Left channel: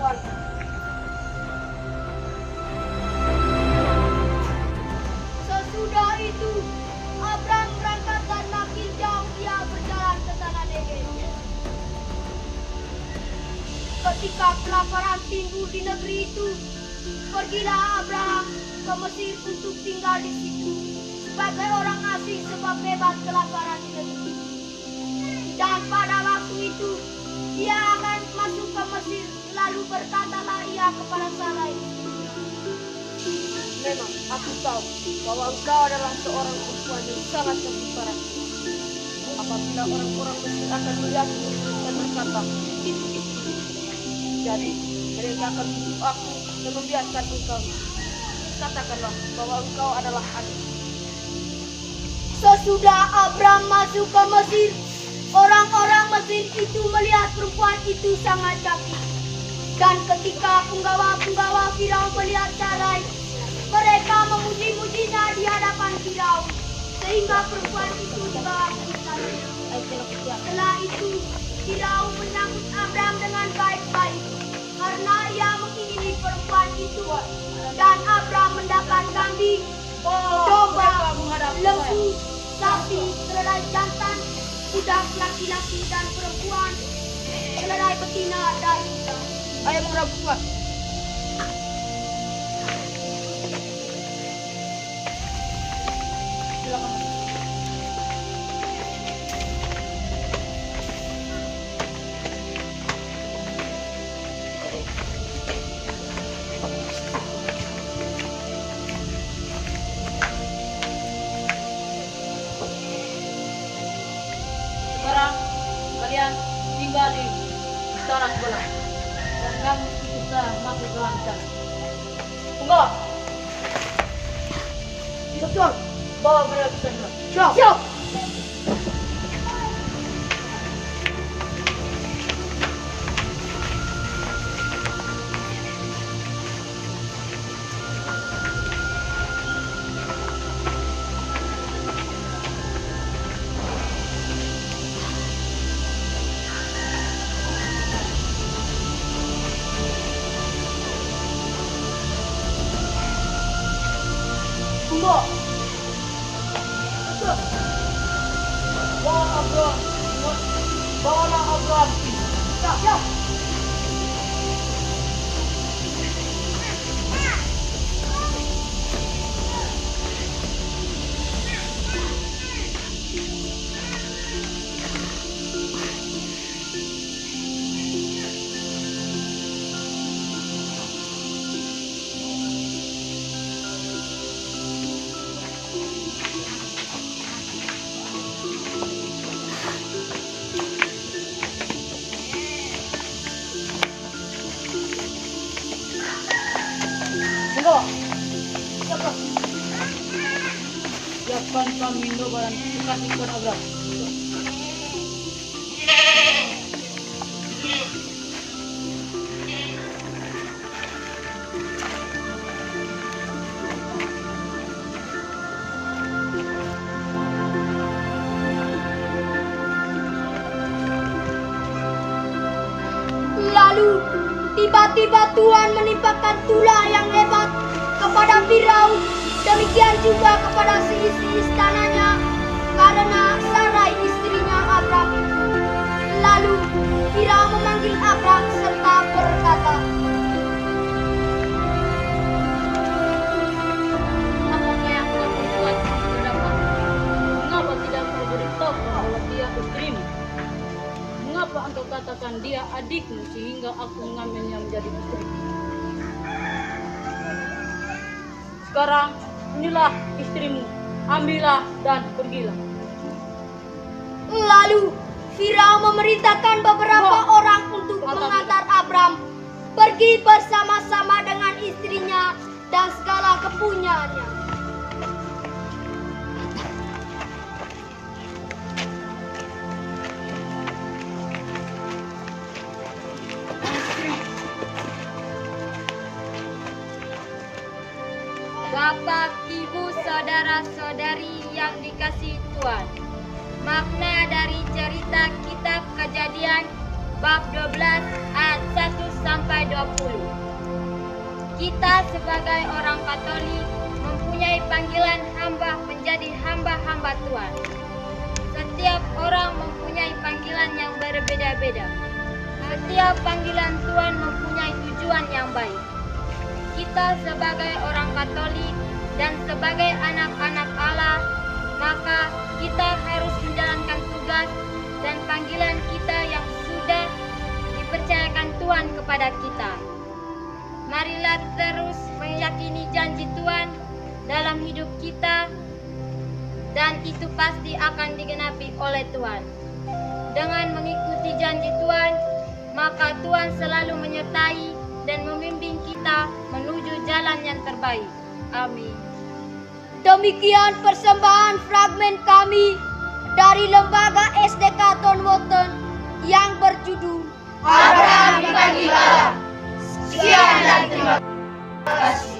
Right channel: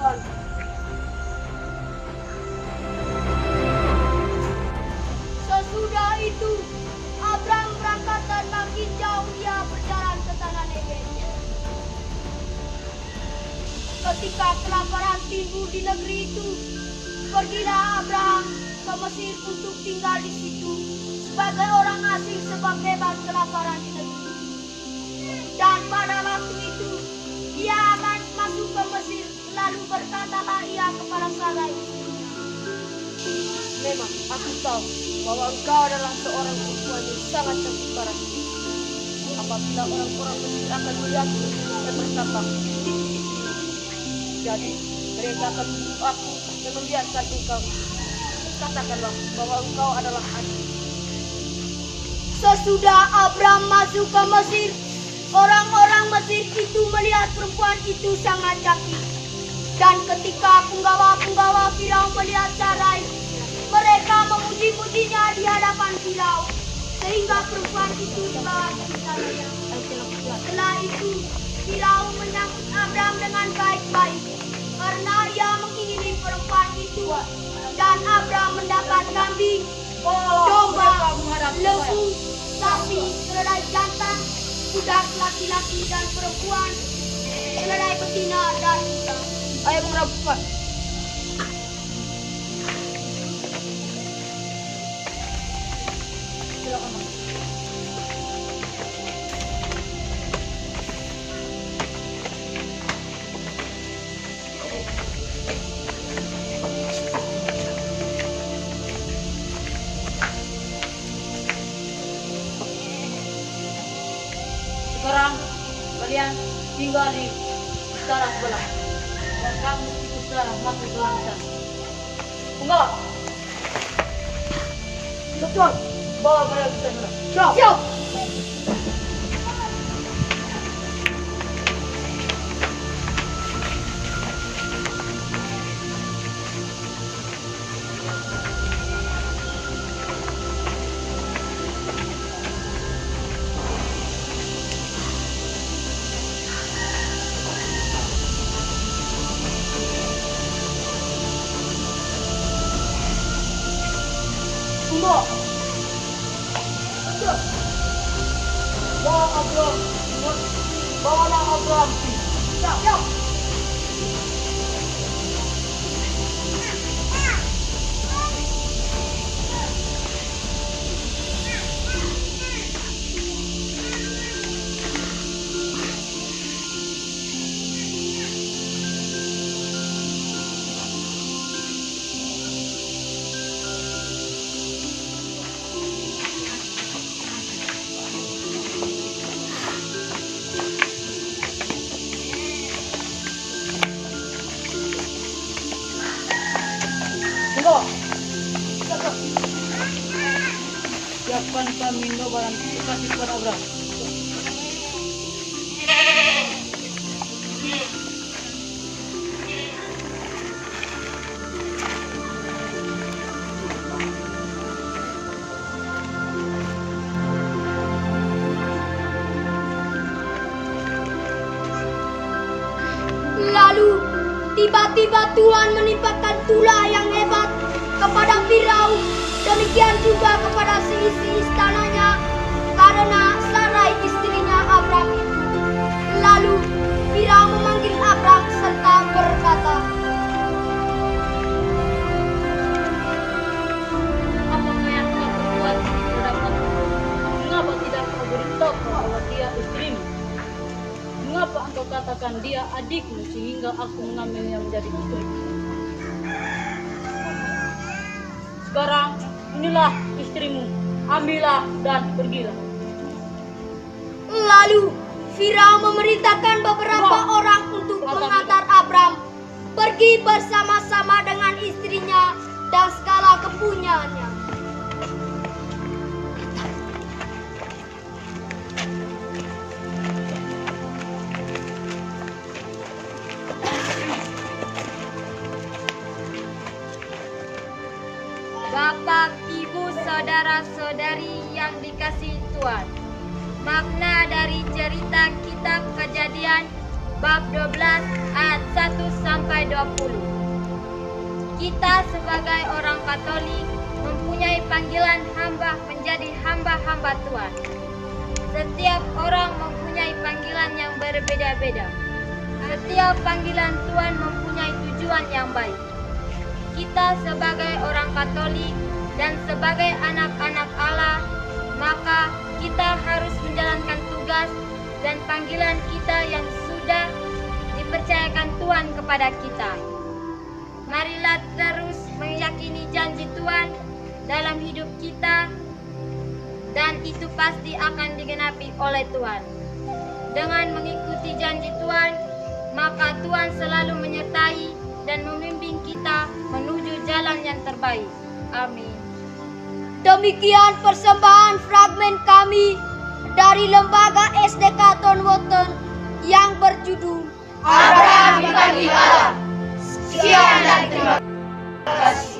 Tuhan. Sesudah itu, Abram berangkat dan makin jauh ia berjalan ke tanah Negev. Ketika kelaparan timbul di negeri itu, pergilah Abraham ke Mesir untuk tinggal di situ sebagai orang asing sebab hebat kelaparan di negeri. Dan pada waktu itu, ia akan masuk ke Mesir, lalu berkatalah ia kepada Sarai. Memang aku tahu bahwa engkau adalah seorang perempuan yang sangat cantik parahnya. Apabila orang-orang Mesir akan melihatmu dan berkata, itu istrimu. Jadi mereka akan membunuh aku dan membiarkan engkau. Katakanlah bahwa engkau adalah adik. Sesudah Abram masuk ke Mesir, orang-orang Mesir itu melihat perempuan itu sangat cantik. Dan ketika penggawa-penggawa Firaun melihat Sarai, mereka memuji-mujinya di hadapan Firaun, sehingga perempuan itu dibawa ke istananya. Setelah itu, Firaun menyambut Abram dengan baik-baik, karena ia mengingini perempuan itu. Dan Abram mendapat kambing, domba, lembu, sapi, keledai jantan, budak laki-laki dan perempuan, keledai betina dan unta. Ayo menghadap Tuhan. Silakan. Sekarang kalian tinggal di utara sebelah dan kamu bisa masuk ke dalam sana. Penggawa, Tuhan, bawa mereka ke sana. Siap. Siap! Tunggu. Bawa Abraham. Bawalah Abraham. Siap. Tunggu. Siapkan kamindo barang kasih kepada Abraham. Lalu tiba-tiba Tuhan menimpakan tulah yang hebat kepada Firaun, demikian juga kepada seisi istananya, karena Sarai istrinya Abram itu. Lalu Firaun memanggil Abram serta berkata, Apakah yang kau perbuat terdapat? Mengapa tidak kau beritahu bahwa dia istrimu? Mengapa engkau katakan dia adikmu sehingga aku mengambilnya menjadi istri? Sekarang inilah istrimu, ambillah dan pergilah. Lalu Firaun memerintahkan beberapa orang untuk mengantar Abram pergi bersama-sama dengan istrinya dan segala kepunyaannya. Bapak, Ibu, Saudara-saudari yang dikasihi Tuhan, makna dari cerita kitab Kejadian bab 12 ayat 1 sampai 20. Kita sebagai orang Katolik mempunyai panggilan hamba menjadi hamba-hamba Tuhan. Setiap orang mempunyai panggilan yang berbeda-beda. Setiap panggilan Tuhan mempunyai tujuan yang baik. Kita sebagai orang Katolik dan sebagai anak-anak Allah, maka kita harus menjalankan tugas dan panggilan kita yang sudah dipercayakan Tuhan kepada kita. Marilah terus meyakini janji Tuhan dalam hidup kita, dan itu pasti akan digenapi oleh Tuhan. Dengan mengikuti janji Tuhan, maka Tuhan selalu menyertai dan membimbing kita menuju jalan yang terbaik. Amin. Demikian persembahan fragmen kami dari Lembaga SDK Tonwoten yang berjudul Abraham dipanggil Allah. Sekian dan terima kasih.